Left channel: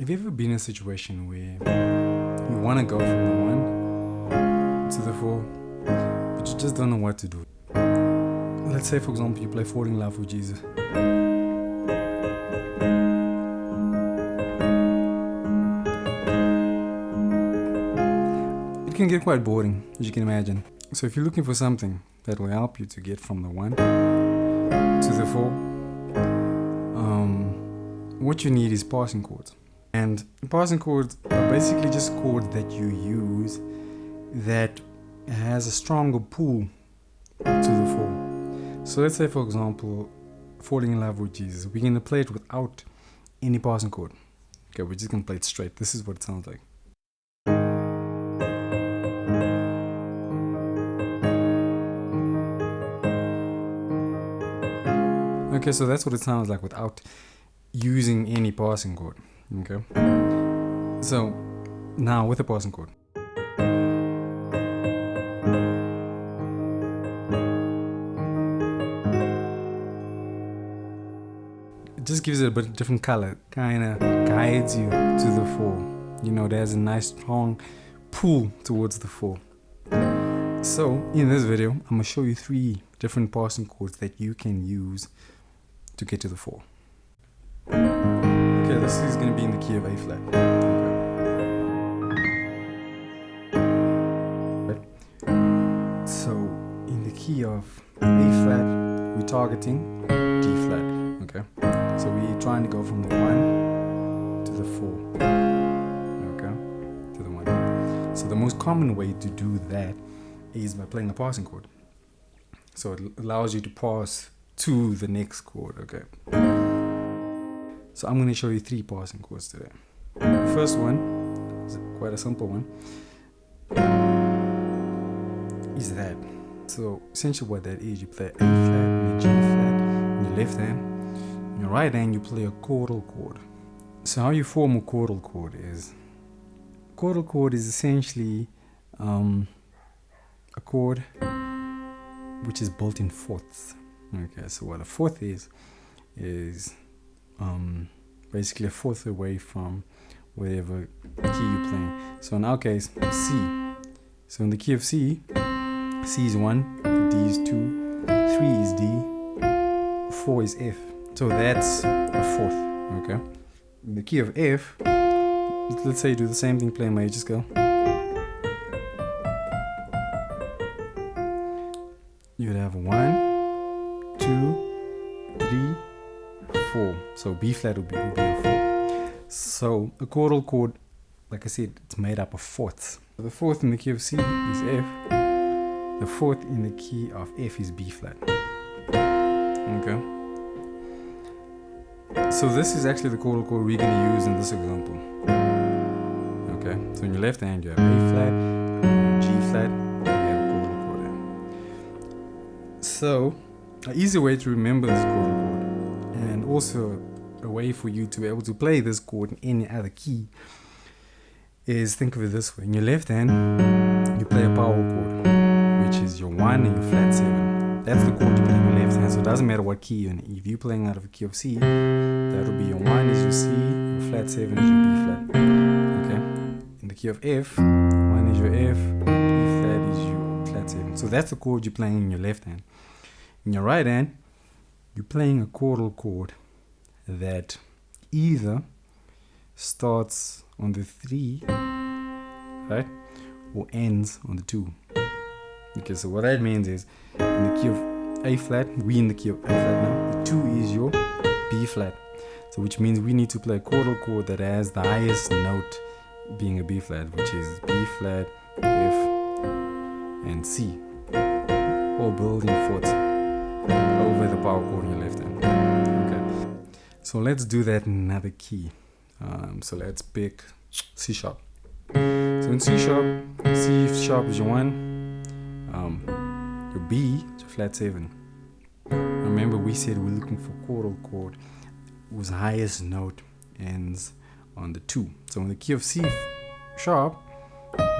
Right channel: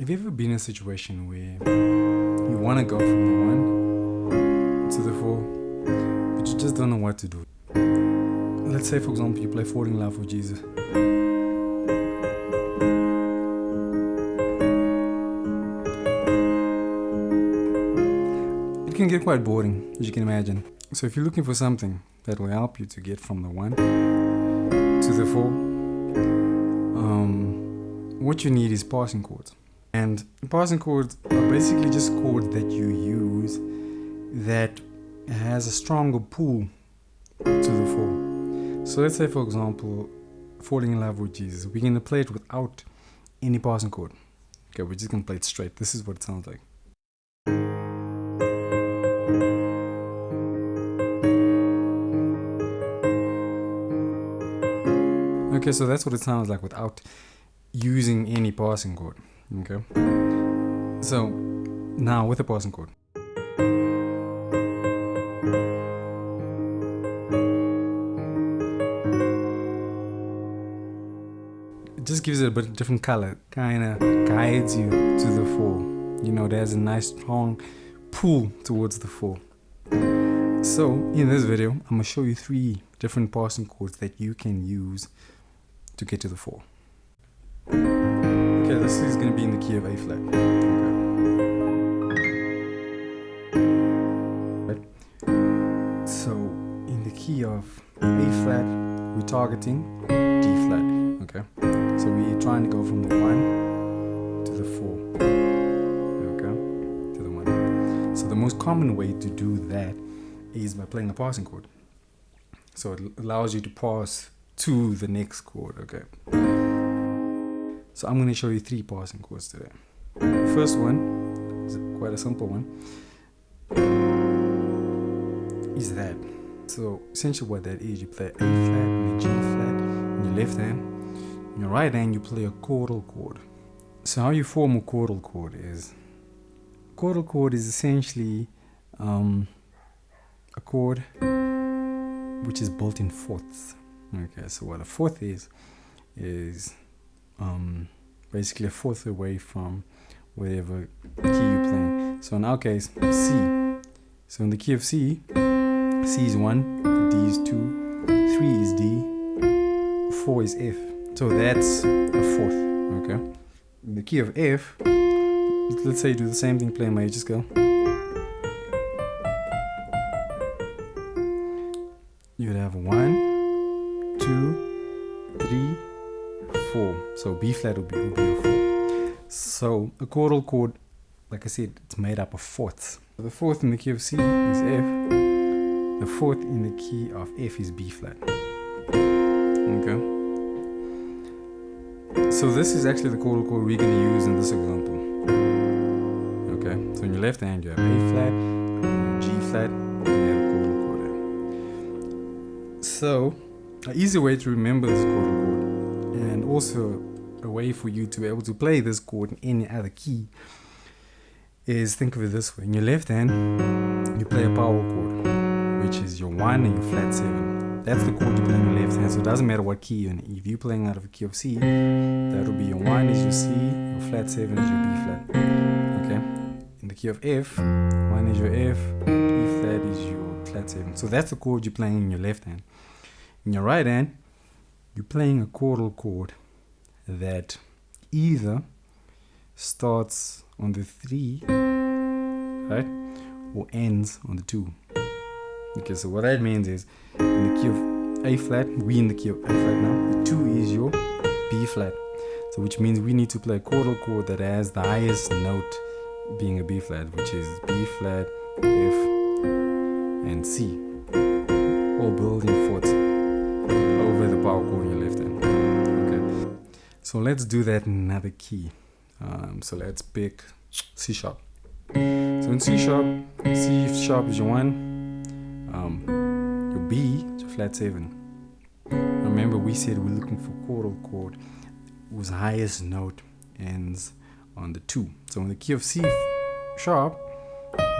Have you ever been in a situation where you want to go from the 1 to the 4, but you just don't know what to do? Let's say, for example, you play Falling in Love with Jesus. It can get quite boring, as you can imagine. So if you're looking for something that will help you to get from the 1 to the 4, what you need is passing chords. And passing chords are basically just chords that you use that has a stronger pull to the 4. So let's say, for example, Falling in Love with Jesus. We're going to play it without any passing chord. Okay, we're just going to play it straight. This is what it sounds like. Okay, so that's what it sounds like without using any passing chord. Okay, so now with a passing chord. It just gives it a bit of different color, kind of guides you to the 4. You know, there's a nice strong pull towards the 4. So in this video, I'm going to show you 3 different passing chords that you can use to get to the 4. Okay, this is going to be in the key of A flat. Okay. So in the key of A flat, we're targeting D flat. Okay, so we're trying to go from the 1 to the 4. Okay, to the 1. So the most common way to do that is by playing a passing chord. So it allows you to pass to the next chord. Okay. So I'm going to show you 3 passing chords today. The first one is quite a simple one. Is that. So essentially what that is, you play A flat and a G flat in your left hand. In your right hand you play a chordal chord. So how you form a chordal chord is, essentially a chord which is built in fourths. Okay, so what a fourth is basically a fourth away from whatever key you're playing. So in our case, C. So in the key of C, C is 1, D is 2, 3 is D, 4 is F. So that's a fourth. Okay. In the key of F, let's say you do the same thing, play a major scale. You'd have 1, 2, 3, 4. So B flat would be a 4. So a chordal chord, like I said, it's made up of fourths. So the fourth in the key of C is F. The fourth in the key of F is B flat. Okay. So this is actually the chordal chord we're going to use in this example. Okay. So in your left hand you have A flat, G flat, and you have a chordal chord there. So an easy way to remember this chordal chord, and also a way for you to be able to play this chord in any other key, is think of it this way. In your left hand, you play a power chord, which is your 1 and your flat 7. That's the chord you play in your left hand, so it doesn't matter what key you're in. If you're playing out of a key of C, that will be your 1 is your C, your flat 7 is your B flat. Okay? In the key of F, 1 is your F, E flat is your flat 7. So that's the chord you're playing in your left hand. In your right hand, you're playing a chordal chord that either starts on the 3, right, or ends on the 2. Okay, so what that means is, in the key of A flat, we in the key of A flat now, the 2 is your B flat. So which means we need to play a chordal chord that has the highest note being a B flat, which is B flat, F, and C, all building fourths over the power chord in your left hand. Okay, so let's do that in another key. So let's pick C sharp. So in C sharp is your 1, your B is your flat 7. Remember we said we're looking for chordal chord whose highest note ends on the 2. So in the key of C sharp,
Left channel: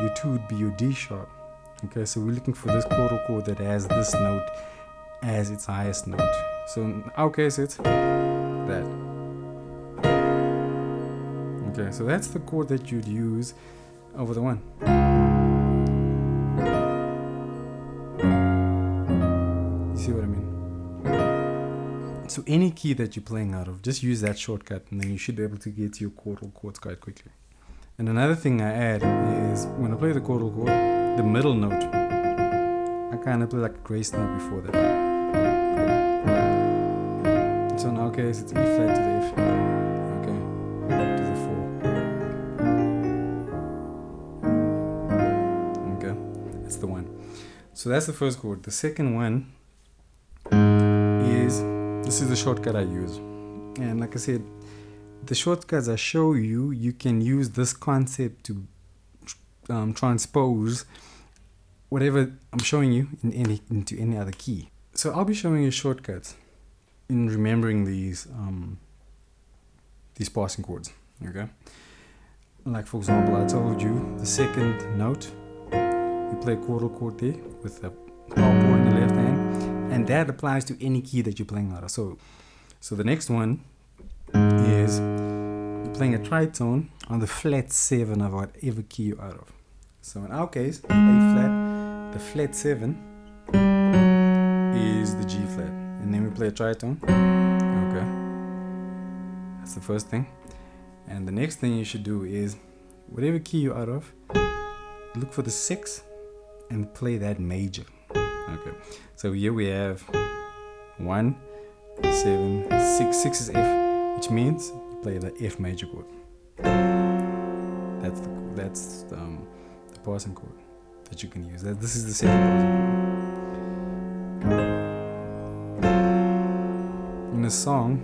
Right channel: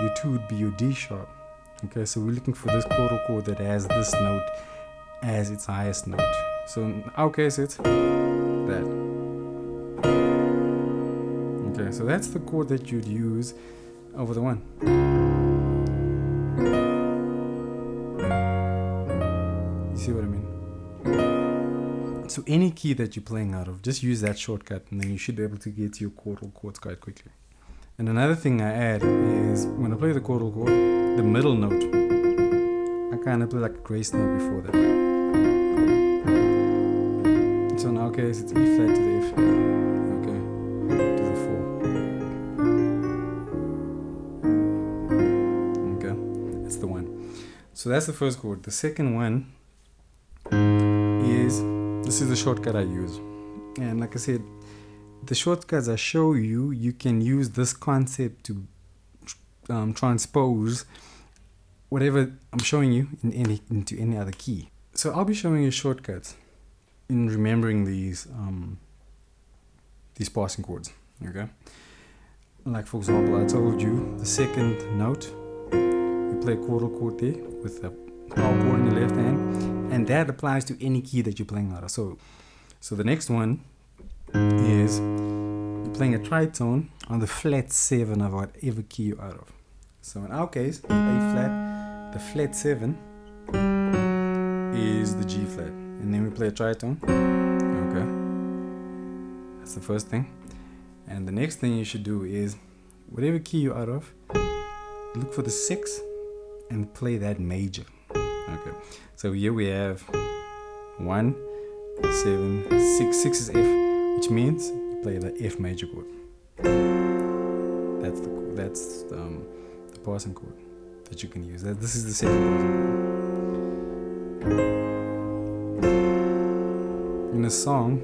your 2 would be your D sharp. Okay, so we're looking for this chordal chord that has this note as its highest note. So in our case it's that. Okay, so that's the chord that you'd use over the one. You see what I mean? So any key that you're playing out of, just use that shortcut and then you should be able to get to your chordal chords quite quickly. And another thing I add is when I play the chordal chord, the middle note, I kind of play like a grace note before that. So in our case, it's E flat to the F, okay, to the 4. Okay, that's the one. So that's the first chord. The second one is, this is the shortcut I use. And like I said, the shortcuts I show you, you can use this concept to transpose whatever I'm showing you into any other key. So I'll be showing you shortcuts in remembering these passing chords. Okay, like for example, I told you the second note, you play a chordal chord there with the power chord in your left hand, and that applies to any key that you're playing out of. So the next one is you're playing a tritone on the flat 7 of whatever key you're out of. So in our case, A flat, the flat 7 is the G flat, and then we play a tritone. Okay, that's the first thing. And the next thing you should do is whatever key you're out of, look for the 6 and play that major. Okay, so here we have 1, 7, 6. 6 is F, which means you play the F major chord. That's the passing chord that you can use. This is the second passing chord. In a song,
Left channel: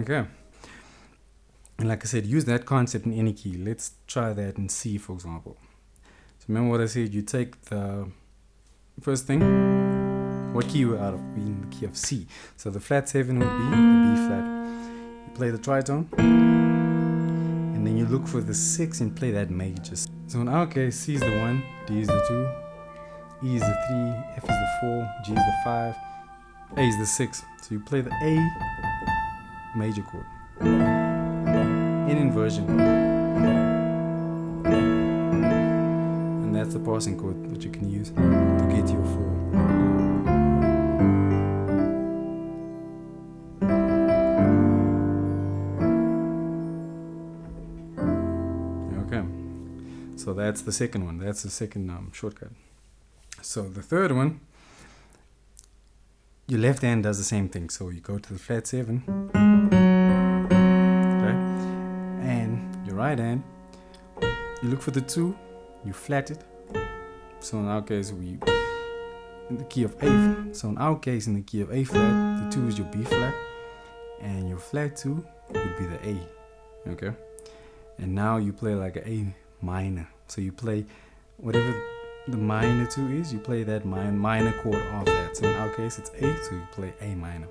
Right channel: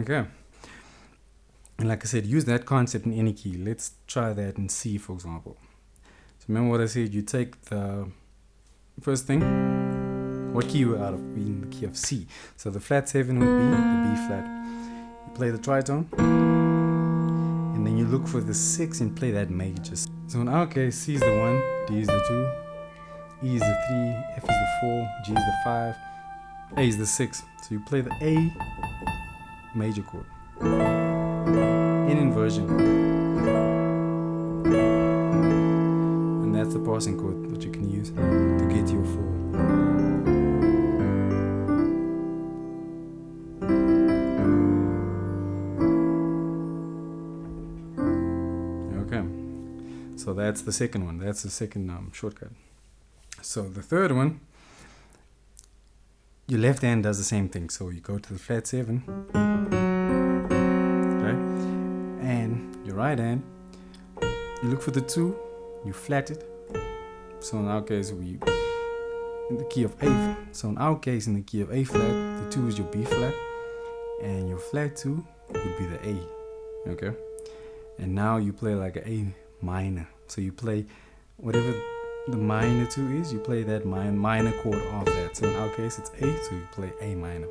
okay. And like I said, use that concept in any key. Let's try that in C, for example. So remember what I said, you take the first thing, what key you're out of, being the key of C. So the flat 7 would be the B flat. You play the tritone, and then you look for the 6 and play that major. So in our case, C is the 1, D is the 2, E is the 3, F is the 4, G is the 5, A is the 6. So you play the A major chord in inversion, and that's the passing chord that you can use to get your 4. Okay, so that's the second one. That's the second shortcut. So the third one, your left hand does the same thing. So you go to the flat 7, right? And your right hand, you look for the 2, you flat it. So in our case, we in the key of A. So in our case, in the key of A flat, the 2 is your B flat, and your flat 2 would be the A. Okay, and now you play like an A minor. So you play whatever the minor 2 is, you play that minor chord off that. So in our case, it's A, so you play A minor.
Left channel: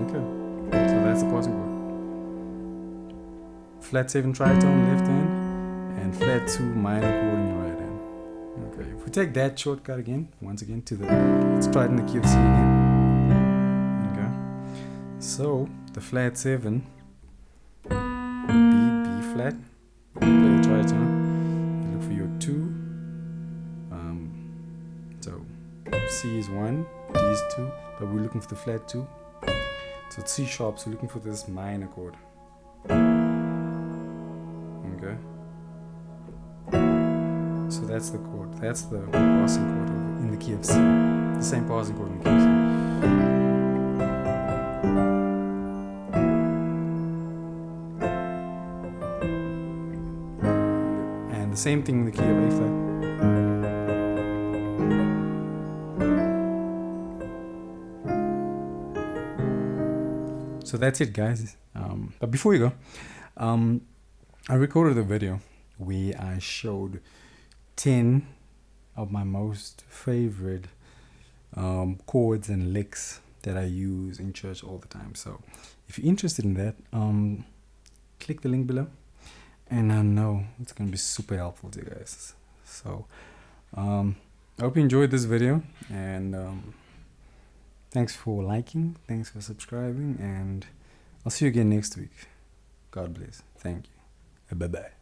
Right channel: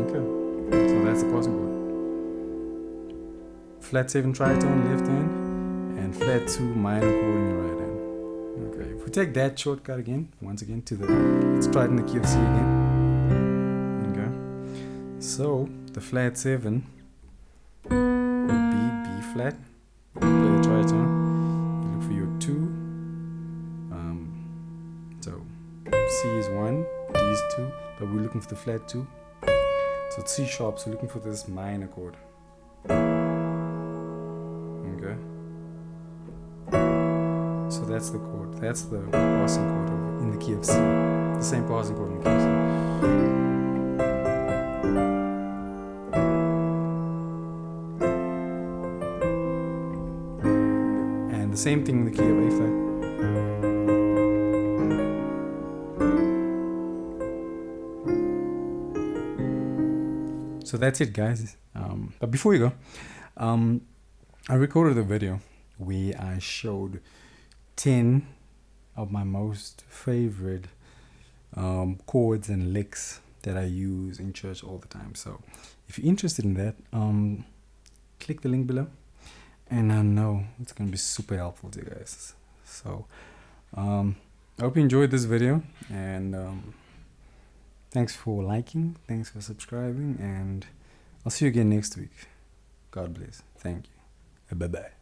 Okay, so that's the passing chord. Flat 7 tritone left hand, and flat 2 minor chord in your right hand. Okay, if we take that shortcut again, once again to the, let's try it in the key of C again. Okay, so the flat 7 would be B flat. You play the tritone, you look for your 2. So C is 1, D is 2, but we're looking for the flat 2. So it's C sharp, so we're looking for this minor chord. Okay. So that's the chord. That's the passing chord in the key of C. The same passing chord in the key of C. And the same thing in the key of A flat. So that's it, guys. But before you go, I recorded a video where I showed 10 of my most favorite chords and licks that I use in church all the time. So if you're interested in that, click the link below and I know it's gonna be super helpful to you guys. So I hope you enjoyed this video, and thanks for liking, thanks for subscribing, and I'll see you again next week. God bless. Thank you. Bye bye.